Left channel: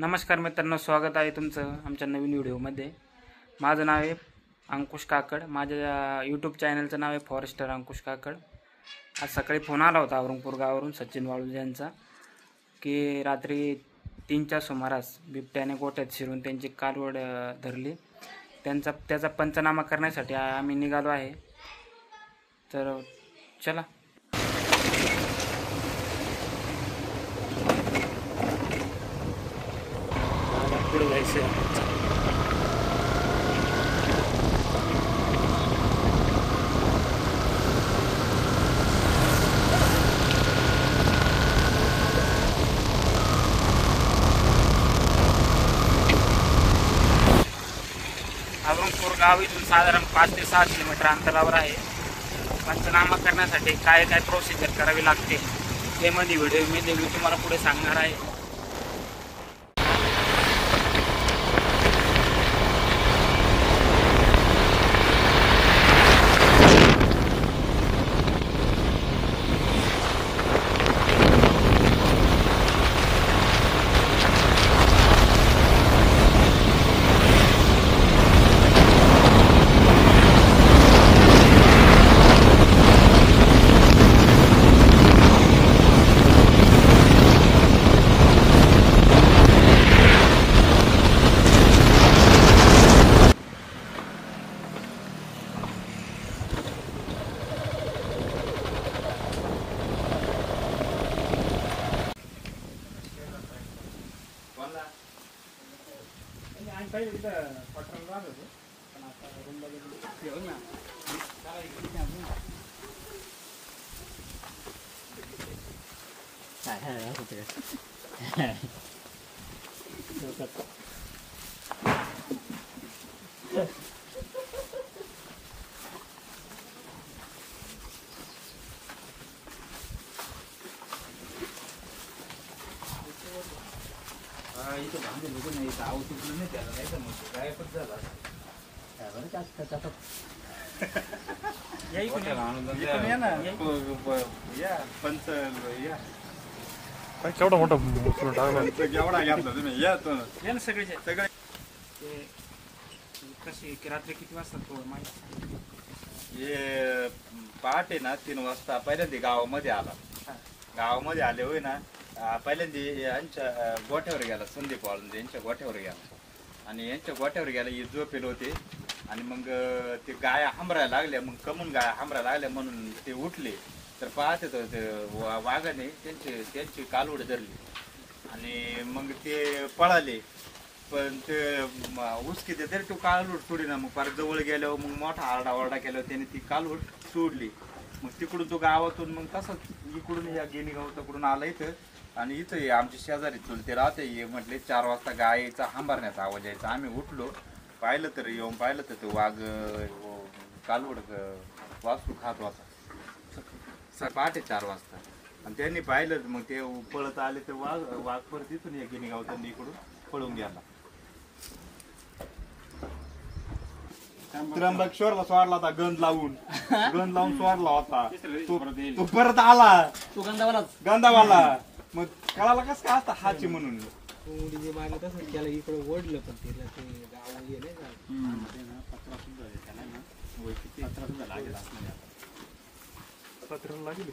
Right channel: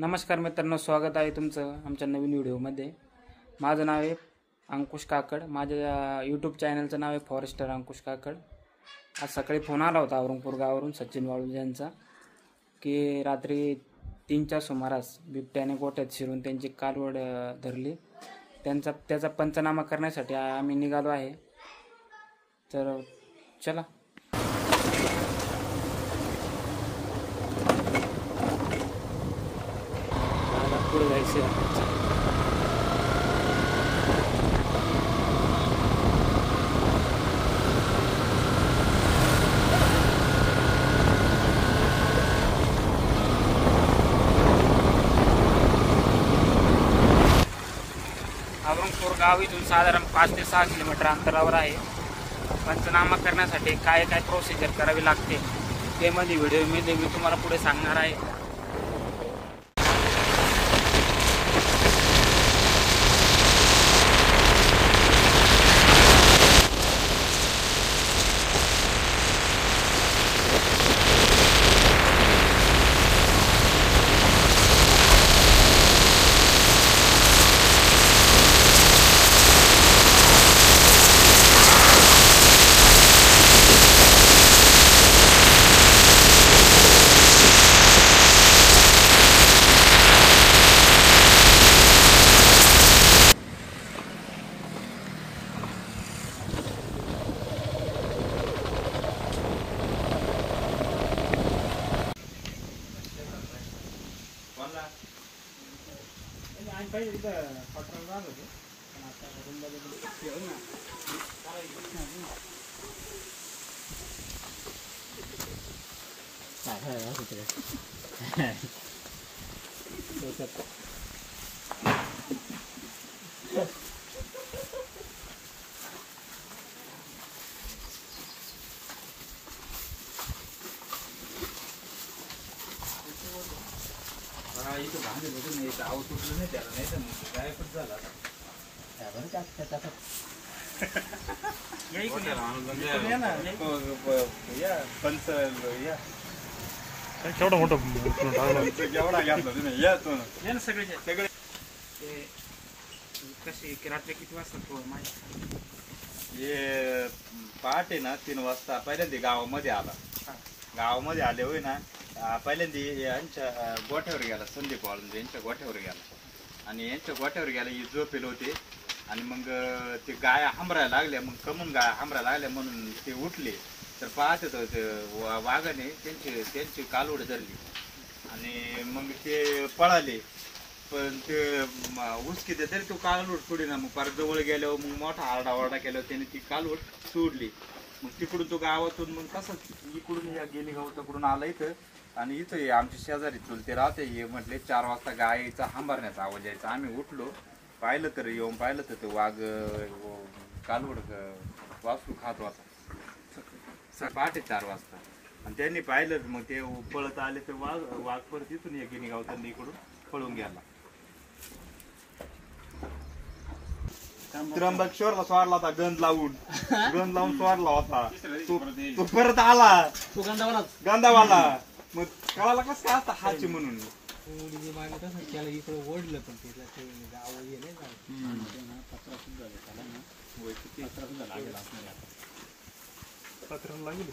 नमस्कार मित्रांनो, स्वागत आहे तुमचं आमच्या नवीन व्हिडिओमध्ये। माझं नाव आहे अंकुश काकड। माझ्या यूट्यूब चॅनलचं नाव आहे फॉरेस्टर अंकुश काकड। आज सकाळी फोन आला होता औरंगपूर गावावरून सचिन वाळुंज यांचा की रात्री 3च्या सुमारास बिबट्याने गोठ्यात शिरून त्यांची कालवड धरली। त्याचा पंचनामा करण्यासाठी आम्ही निघालो आहे। तर चला पुढे जायचं। औरंगपूर गाव इथून साधारण 5 ते 6 किलोमीटर अंतरावर आहे। पंचनामा करण्यासाठी काय काय प्रोसिजर करावी लागते ते मध्ये व्हिडिओमध्ये मी तुम्हाला पुढे सांगणार आहे। पहिले इथं पटकन राहत होते पण आता रूम बदलली घेऊ ना इथं भांडे बघून नाही तर आव तुटलं नाही त्याला, नाही तर मग गायबच झाला बरं जास्त या इकडे माणूस या ना या पंच या पण केवढा मोठा जेवढा घेतला तुम्ही या तो या ना सगळे सगळे कशी रात्री किती वाजता माहिती हे पहाटे ना 3 वाजता पहिल्यांदा गावामध्ये आला। गावामध्ये आले होय ना, पहिल्यांदा यांच्या गोठ्यावर गेला, संदीप वाळुंज यांच्या गोठ्यावर गेला आणि यांच्या गोठ्यावर गेला ही झोपेल होते आणि मग ते गाया हांबरायला लागल्या, मग कमून गाया हांबरायला लागल्या म्हणून ते उठले तर पाहते तर ते वाघाने त्यांची कालवड धरली आणि मग ते पळाले। पण ते उसकी तरी तो कालवड सोडी ना, मग परत जवळ गेल्यावर मग मोठा आरडाओरडा केल्यावर त्यांनी ती कालवड सोडली। मग तिकडून तो गावातून मग तसंच इकडून या गेली गावताकडून आला इथं आणि इथं आमचे शेजारी चुलते राहते, हे म्हटले 4 वाजता गायीचा हांबरण्याचा आवाज यायचा। आम्ही उठलो, पाहिलं तर येऊन पाहिलं तर तो वाघ कालवड वासरू खात होता पहाटे 4 वाजता आणि त्यांनी पाहिलं मग ते पळत आले तर वाघ परत इथून गिनी गावताना इकडून पळून गेला। त्र्यंबकेश्वरला सोडला होता गंध लावून सोडला होता, तो परत आला तू गंधावाला। मग कळाला कस काय असता हाची म्हणून त्याला इकडे ओढलं पण तिला ते गाव गेले ना पत्रा सुद्धा त्याला ना पत्रा सुद्धा लागेल असणार पत्राला लागेल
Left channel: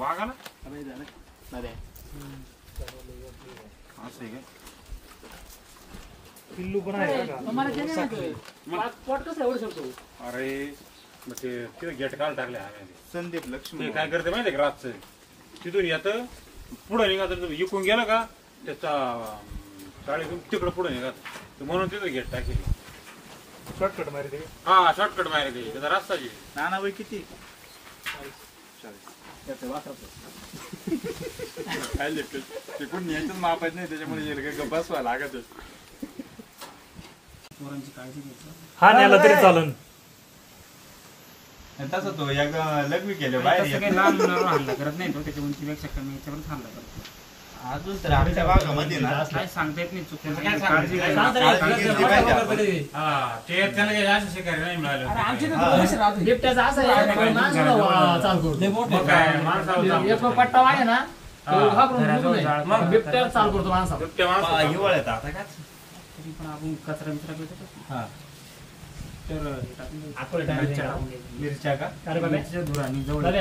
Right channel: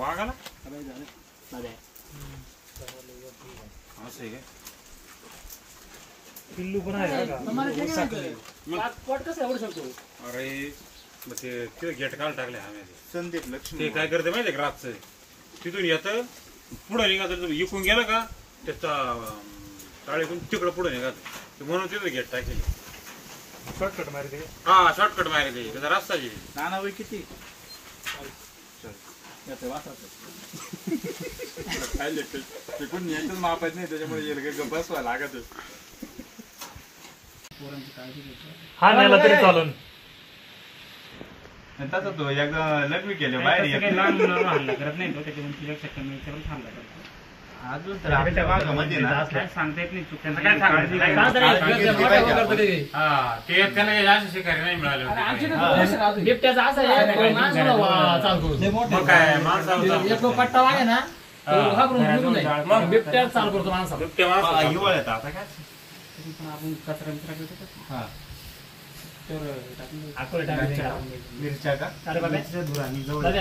वाघाला असं आहे पिल्लू पण आहे अरे मग ते तिथे गेट काढून टाकले आम्ही। संदीप लक्ष्मी ते काय करते माहिती का, रातचं तिथून येत पुढे निघत इकून गेलं का त्याचा टाळीतून तिकडं पुढे निघत म्हणून तिथं गेट टाकेल। शॉर्टकट मारी ते हा शॉर्टकट मारे त्याचा रस्ता जे नाना बाई किती ते कोणी यायचंच मापायचं नाही, त्याच्यामुळे बसवा लागत हा नेला तरी चालेल। तसं तो एकदा लग्न केलं बाहेर लहान मुलांना हल्ला करत नाही तो, त्याच्या उंचीपेक्षा कमी याच्यावर हल्ला करतो। अजून तर आमच्या भागामध्ये ना काय सांगता येत नाही, चुकीचं काय काळजी ते त्याला जास्त शिकारी नाही मिळाले। बिबट्याचा असं पट्टा वागे ना मग बिबट्या चालू करतो माणसा बिबट्या माणसाला हिवाळ्यात आता काय तरी पण आपण कचरा मिचरा भेटत हा तर हे टाकून मिरच्या का मिरच्या धुरा मी जवळ अरे,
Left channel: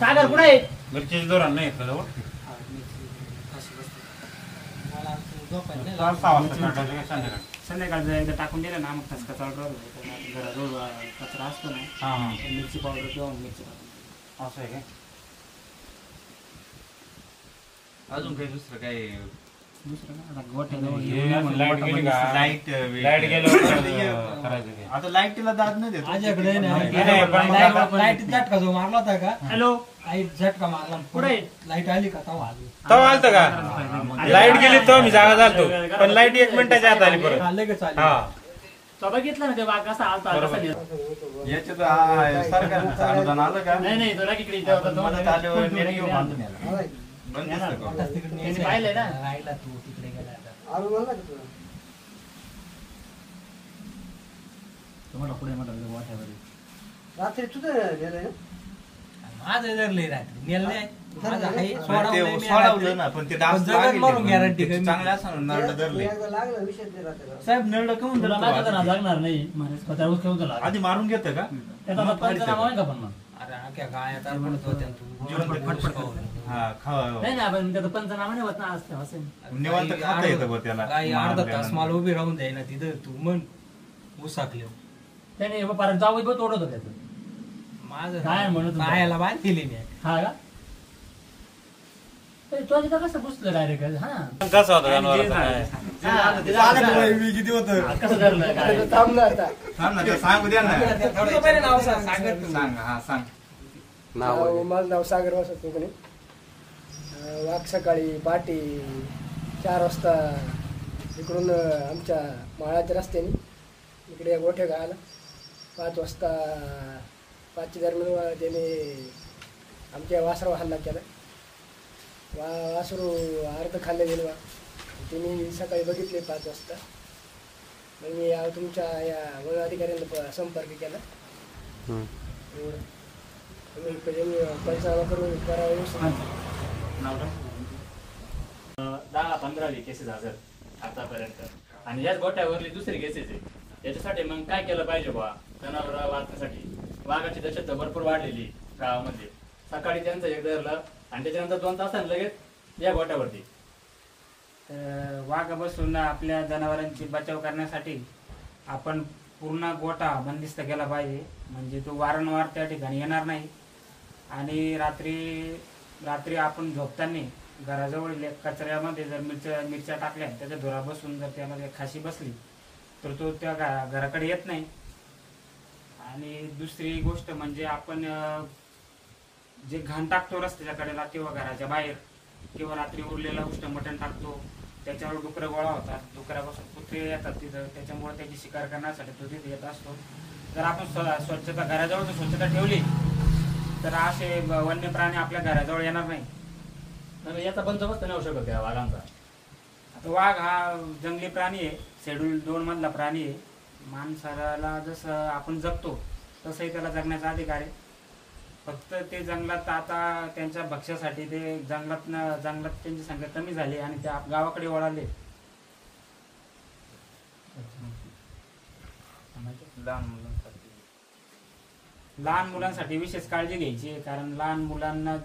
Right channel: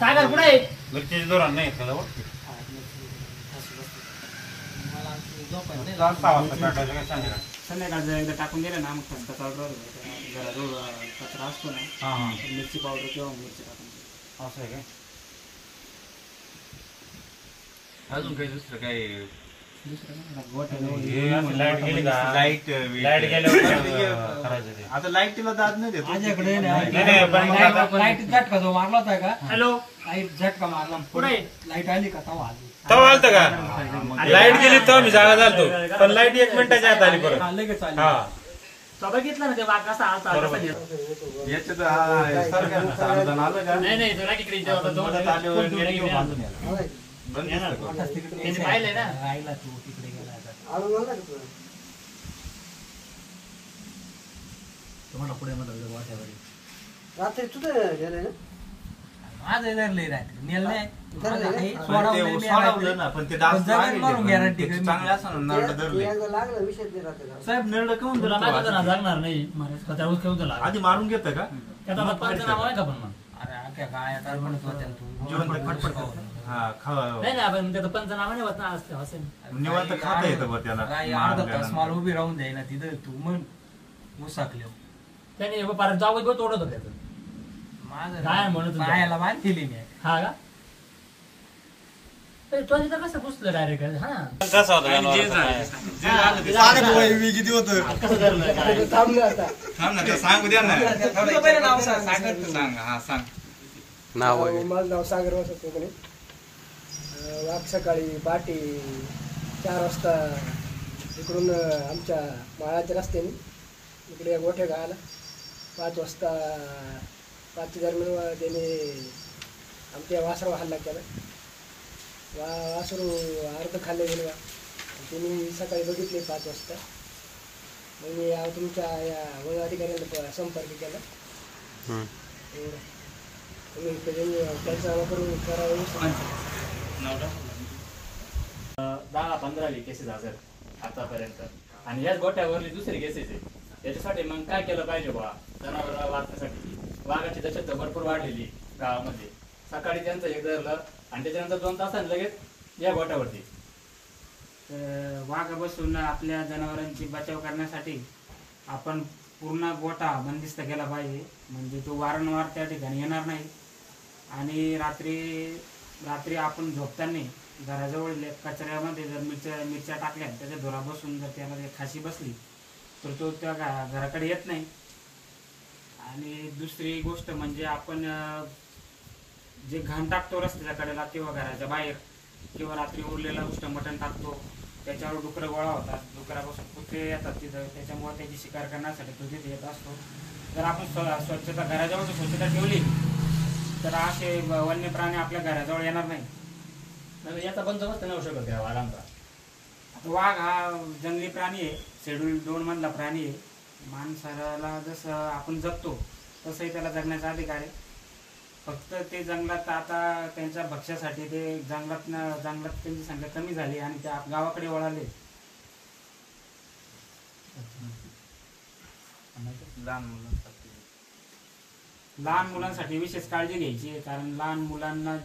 सागर कुठे आहे मिरची जोरान नाही येत का जवळ? हा, मिरची फाशी बसते. चाल 6 वाजता काढायचं काय संध्याकाळी? संध्याकाळचं एकदा टाकून दिलं ना मग ठसका चालू राहिलो घराजवळ कचरा असतो ना हा हा तर मिरची पावडर किंवा मिरची टाकून द्यायची. असं आहे काय? अजून काही दुसरं काही दुसरं काय आता गोठ्याजवळ हे अशी लाईट गेली का? लाईट लाईट गेल्यावर करायचं ते. आता लाईटीला दाद नाही देतो माझ्याकडे नाही, पण लाईट झटका जो मारला होता का हॅलो लाईट झटका मारला कुठे लाईट आली का तवा आली तेव्हा आलतं का? लाईट गेली तेव्हा मी जागा झालतो पण लाईट 1 मिनिटाच्या आत आली परत. लगेच आली हा तो बघितलं ना ते वाघ कसा आलता कसा नेला. याच्यात सरकारचं अनुदान आलं का नाही नाही तो राखीकडे इथे होता तो. मदत आल्यावर निर्णय बांधून यायला. बंद दिसतं का? त्यांनी पाहिलंय ना राहिला तू तिकडे गेला तुम्हाला पुढे म्हटलं वाट्यावर रात्री तुझं गेलं ना माझं धरले रात्री नेलं नाही. माझं आहे, ते सोडवलंय मी सोडवलं रात्री. ना पण ते डास जगन लागले मारून म्हणून. guarantee ते कमी. चांगले असं नरड धरले लागला विषय ते रात्री साहेब नरड काऊन तुला माहिती होतं ना धरतो? जागणार नाही त्यावेळेस खेळून झाला आधी मारून घेतं का त्याचा मग पंचनामा आहे का पण मग अरे आख्या गायात म्हणत होत्या तू हा खा नाही ना आपण त्याचा पंचनामा नाही होत ना असं निवांत खाता येतं बघ त्याला गाय अर्धा तास मारल्यानंतर. मला उभी राहून द्याय ना तिथं तू मन उसाकले त्याने परत जावं तो तोडत होत त्याचं माझं काय म्हणत होता? पायाला बांधलेली मी हा का ए, तो तिथं कसं पुसलं डायरेक्ट हा जसं होतं आणि जे जनावराचं काय? झालं मी किती होतं हात कसं धरलं काय? थांब ना आता थांब ना ते सांगू द्या ना तुझं पहिले नाव सांग. सांग हा सांग माझं नाव सागर वासत कोकणी वाघ सकाळी पहाटे 4 वाजता इकडून आमच्या माळाच्या रस्त्याने इकडे गोठ्या गावाला 5 वाजता 5च्या दरम्यान त्याने आमच्या वासरावर हल्ला केला वासरू अर्ध खाल्ले गेले बा तुम्ही सकाळी बघितले 5 वाजता मग मी तुमच्या या वन अधिकाऱ्यांना संपर्क केला एवढं तुम्ही पंचनामा करून करावं व्यवस्थित. 10-15 केसेस हजर आतापर्यंत आणि याच गोठ्यावरली दुसरी केसेस आहे याच्यासाठी मग काय केलं पाहिजे बा जनावर वाचण्यासाठी वाघाची दहशत भरपूर वाढलेली गावामध्ये सकाळी त्यांचं एक धरलं आणि त्याच्यानंतर 2 तासांनी लगेच या गोठ्यावरती वाघ बसून आपल्या जनावरांची बचाव करण्यासाठी आपण पूर्ण गोठा बंदिस्त केला पाहिजे म्हणजे तो वारंवार त्या ठिकाणी येणार नाही आणि रात्री आपण झोपताना घराजवळ कचऱ्यामध्ये जर मिरच्या टाकल्या त्याच्या धुरा बसून जर त्याला खाशी बसली तर तो त्या घराकडे येत नाही. आणि दुसरी गोष्ट म्हणजे आपण जे घाण टाकतो रस्त्याच्या कडेला किंवा घराच्या बाहेर किंवा रात्री उरलेला उष्ट मटण टाकतो त्याच्यावर डुकरं गोळा होतात डुकरापासून कुत्रे येतात तिथं त्याच्यामुळे त्याची शिकार करण्यासाठी तो तिथे येत असतो. जर आपण स्वच्छता घराजवळ स्वच्छता ठेवली तर असे वन्य प्राणी आपल्या घराजवळ येणार नाही. नाही, याचा बंदोबस्त नाही होऊ शकत या वाघांचा. आता वाघ हा जंगली प्राणी आहे शेड्यूल 2 मधला प्राणी आहे. माणसाला जसं आपण जगतो तसंही त्याला जगण्याचा अधिकार आहे. फक्त ते जंगलात आता त्यांच्या भक्ष्यासाठी ते जंगलात त्यांची संख्या कमी झाली आणि ते गावाकडे वळाले. लहान मुलांसाठी विशेष काळजी घ्यायची कारण लहान मुलांना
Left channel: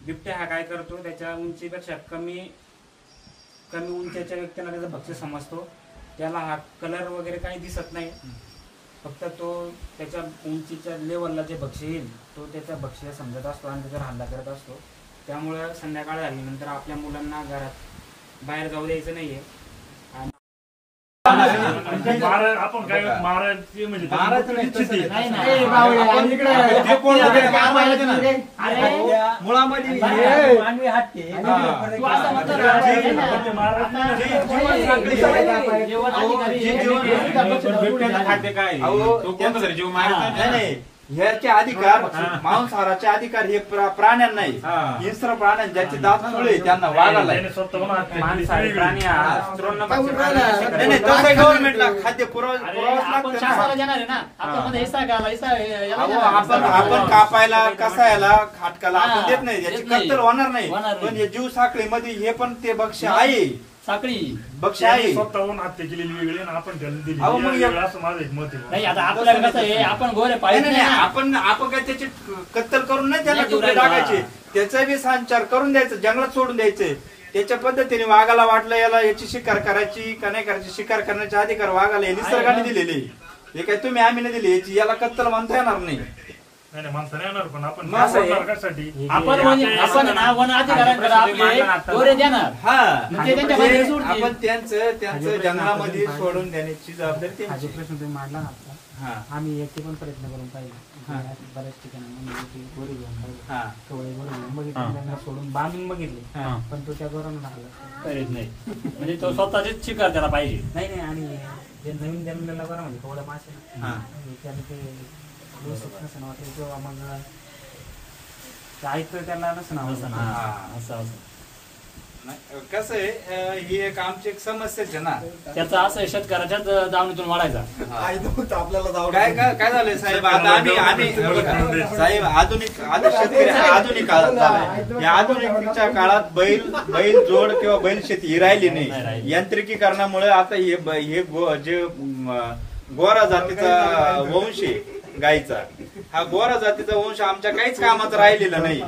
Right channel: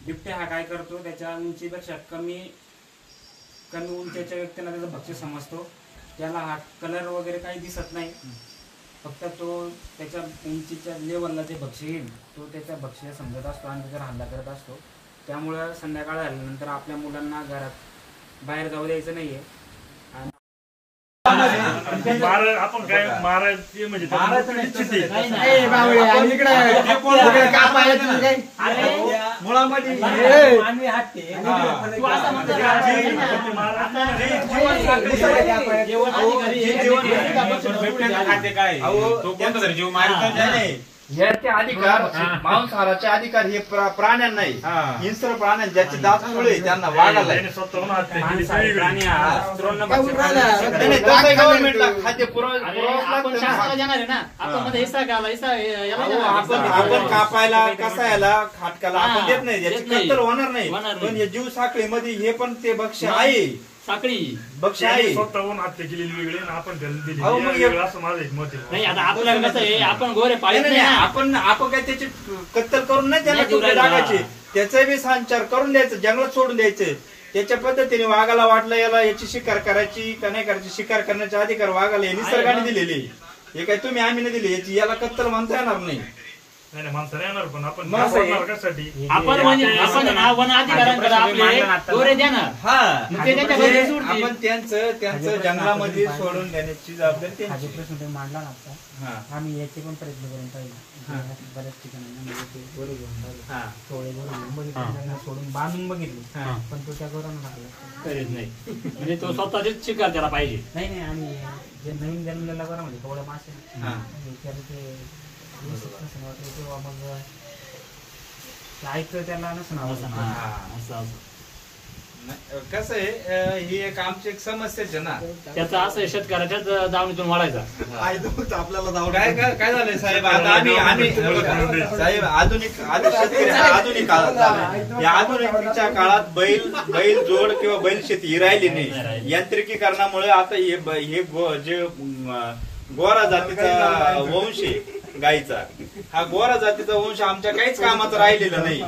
बिबट्या हा काय करतो त्याच्या उंचीपेक्षा कमी उंचीच्या व्यक्तींना त्याचं भक्ष्य समजतो. त्याला हा कलर वगैरे काही दिसत नाही फक्त तो त्याच्या उंचीच्या लेवलला जे भक्ष्य येईल तो त्याच्या भक्ष्य समजत असतो आणि त्याच्यावर हल्ला करत असतो. त्यामुळं संध्याकाळ झाल्यानंतर आपल्या मुलांना घरात बाहेर जाऊ द्यायचं नाहीये. आपण काय मारायचे म्हणजे मानवी हट्टे तू असं म्हणतो बिबट्याचं खाद्य काय तो कोणता तरी जीव मारत नाही. ह्याचे अधिकार मांसाहाराचे अधिकार हे प्राण्यांना नाही, हिंस्र प्राण्यांना ज्याचे दात सुळे त्यांना वाघाला आहे. मांसाहारी प्राणी हा स्त्रोन्न नाही, नाही, तसं गव्हर्नमेंटला खाद्य पुरवावंच आपण लागतं ना. शासनाला देणार आहे ना, आपल्यामध्ये हिस्सा घ्यायला, हिस्सा याला अहो, देणार. आपण कापायला कसायला खाटकाला आपण हा, देत नाही, याची देत नाही. कत्तल होणार नाही. होणार नाही. पण हे जीव साखळीमध्ये हे पण ते भक्ष आहे, साखळी भक्ष आहे. स्वतःहून हत्या केलेली वेगळी आणि आपण त्यांनी दिली अहो, मग वेगळं असं माझं एक मत नाही. आहे. आता आपल्याला कसं आहे, आपण गोरे नाही, पाळीत नाही, नाही नाही, ना. आपण काय त्याची कत्तल करून नाही त्याला नाही, तुकडे नाही, टाकायचे, त्याचा बी संचार करून द्यायचं, जंगलात सोडून द्यायचे. त्याच्या पद्धतीने वाघाला वाटलं याला याची शिकार करायची का नाही करायची, शिकार करण्याचे अधिकार वाघाला हे निसर्गाने दिलेले. हे काय तुम्ही आम्ही नाही दिले, याची याला कत्तल म्हणता येणार नाही. नाही नाही, माणसं नाही येणार, पण आपण मग असं आहे. कशासाठी आपण म्हणजे आपण वन अधिकाऱ्यांकडे आपले गोरे देणार. हा, मग ते त्यांच्या मध्ये सोडतील. आपण त्यांचं जंगलामध्ये सोडून देण्याची जबाबदारी हा जो त्यांची. प्रश्न तुम्ही मांडला ना आता, हा, आम्ही याचे पण प्रयत्न करून पाहिजे. बऱ्याच ठिकाणी म्हणजे ते गोरे घेऊन पाहिजे, हा, थोडे गोरे घेऊन बघितले, त्यांना सोडून बांधून बघितले, हा. पण तो त्या गोरांना हाकला. करीत नाही. म्हणजे तो स्वतःचीच शिकार त्याला पाहिजे. नाही नाही, आणि जे नवीन जन्मलेला बरं म्हणजे थोड्या मासे ना, हा. त्याला ते व्यवस्थित नसेल वाटलं किंवा मग ते ऐकतं त्याला नसेल आवडलं. हा. असं नाही, कसं आहे ही एक आमची एक समस्याच आहे ना. त्याचं असं आहे, शेतकऱ्याच्याच दावणीतून वाढायचा. काय झालंय साहेब, आता आम्ही साहेब आधुनिक शेतकरी हा आधुनिक काळात झालाय. या आधुनिकच्या काळात बैल जोड किंवा बैल शेती ही राहिली नाही. यांत्रिकीकरणामुळे आता हे जे गोरा जातीचा वंश आहे गाईचा, हा गोरा जातीचा वंश आमच्या काहीच कामाचा राहिलेला नाही.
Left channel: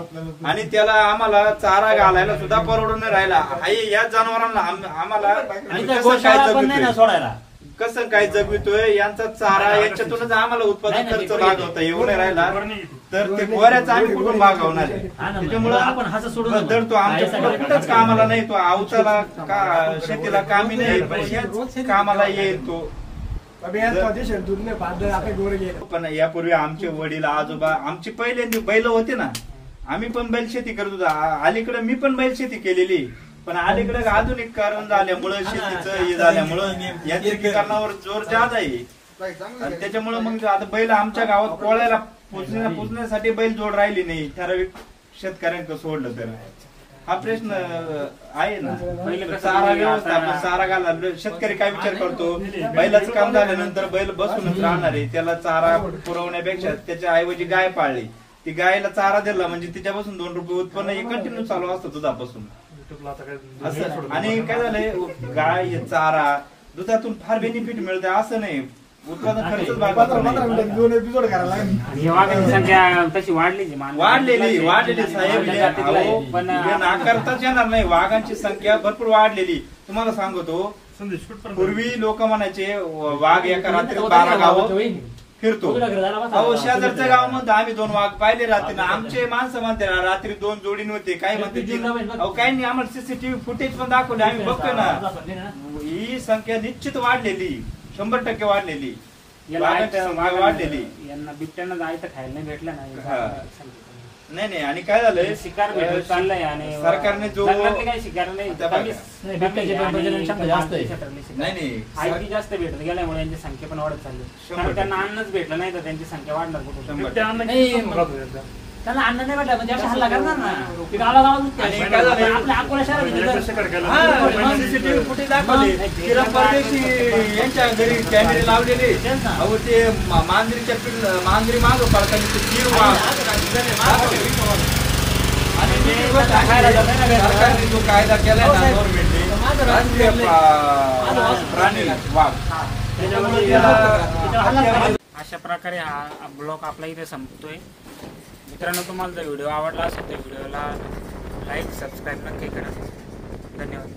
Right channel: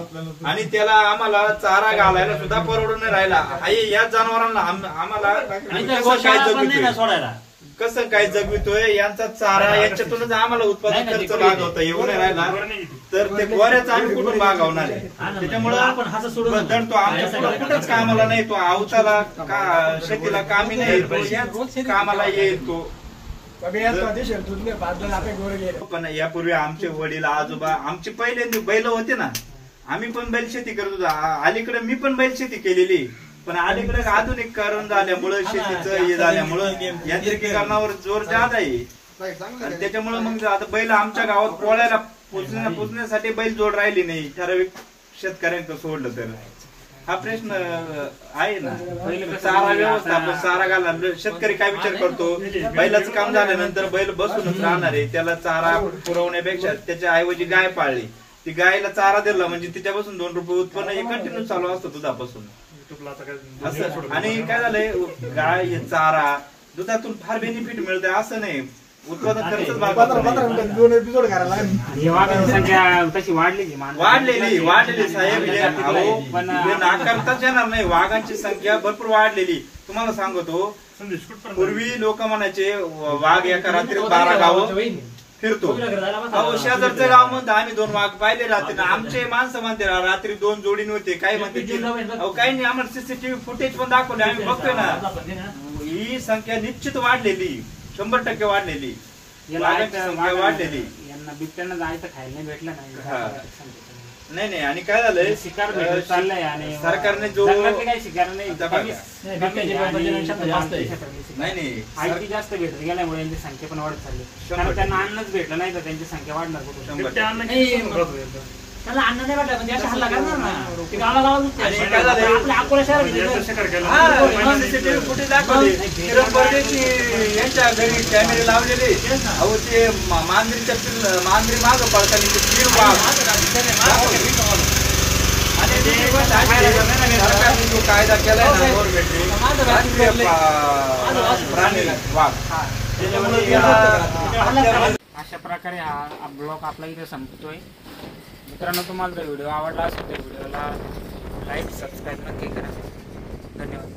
आणि त्याला आम्हाला चारा घालायला सुद्धा परवडून नाही राहिला. या जनावरांना आम्हाला आणि त्या कसं काय गोशाळा पण नाही ना जगवितोय, सोडायला. कसं काय जगवितोय, यांचा चारा याच्यातूनच आम्हाला उत्पादन नाही, खर्च नाही, भाग होता येऊ नाही राहिला, तर ते गोऱ्याचा आम्ही कुठून भागवणार आहे. त्याच्यामुळं आपण हात सोडून तर तो आमच्या कुठंच कामाला नाही, तो अवताला शेतीला कामी नाही, पण याच कामाला येईल तो. पण यापूर्वी आमचे वडील आजोबा आमचे पहिल्यांदा बैल होते ना, आम्ही पण बैल शेती करत होतो. अलीकडे मी पण बैल शेती केलेली, पण अलीकडे आधुनिकीकरण झाल्यामुळं शेतीचं हे झाल्यामुळं यांत्रिकीकरणावर जोर जास्त आहे. आणि त्याच्यामुळे मग आता बैल आमच्या गावात पोळ्याला पोचण्यासाठी बैल जोड राहिली नाही, ठराविक शेतकऱ्यांकडे सोडलं तर. हा प्रश्न आहे ना. चारा व्यवस्थापन, चारा घालणार, शेतकरी काय विचार करतो, बैलाचं काम झाल्यानंतर बैल बसूनच राहणार आहे, त्याला चारा पुरवण्यापेक्षा त्याच्या ऐवजी गाय पाळली, ती गायला चारा दिला म्हणजे तिच्यापासून 2 रुपये उत्पन्न हे कंटिन्यू चालू असतं दुधापासून असं. आणि काय झालंय, गाय चारा दुधातून फार बेनिफिट मिळतंय असं नाही, उत्पादन खर्चच वाघांची संख्या तशी वाढलेली वाढलेली साहेब, पण नाकारताच येणार नाही. वाघांची संख्या भरपूर वाढलेली. तुम्हाला सांगतो, पूर्वी लोक म्हणायचे वाघ एका रात्रीत 12 गावं फिरतो. अहो, शेजारचं गाव म्हणतो आम्ही 2 वाघ पाहिले रात्री. आमचे माणसं म्हणते रात्री 2 जोडी नव्हते, काय म्हणते 3. अहो, काही नाही, आम्हाला सीसीटीव्ही फुटेज पण दाखवले, आम्ही बघतोय ना. ही संख्या निश्चित वाढलेली, 100% वाढलेली, वाढलेली. यांना बिबट्यांना जायचं खायला नाही भेटलं नाही नाही. आणि काय झालंय, शिकार भेटत चाललंय आणि सरकारने जो काही शिकार नाही, नाही आयटी जास्त भेटत गेल्यामुळे यांची संख्या पण वाढत चालली. कारण त्यांना अन्नच भेटलं नाही तर त्यांची संख्या वाढणार कुठून. त्याला अन्न नाही भेटला, म्हणजे हल्ला करणार ना. सीसीटीव्ही फुटेज दाखवले, किरण परदेशी यांच्या घरी कॅमेरे लावलेले. अहो, ते मांजरी माग पडताना ते 3 वाघ. आणि दुसरी गोष्ट सरकारने जो कायदा केलाय ना गव्हर्नमेंटने, राष्ट्रीय प्राणी वाघ, त्याच्यामुळे त्याला अशा प्रकारे हा ब्लॉग आपला इथे संपतोय. मित्रांनो, तुम्हाला जर व्हिडिओ आवडला असेल तर व्हिडिओला लाईक सबस्क्राईब नक्की करा. धन्यवाद.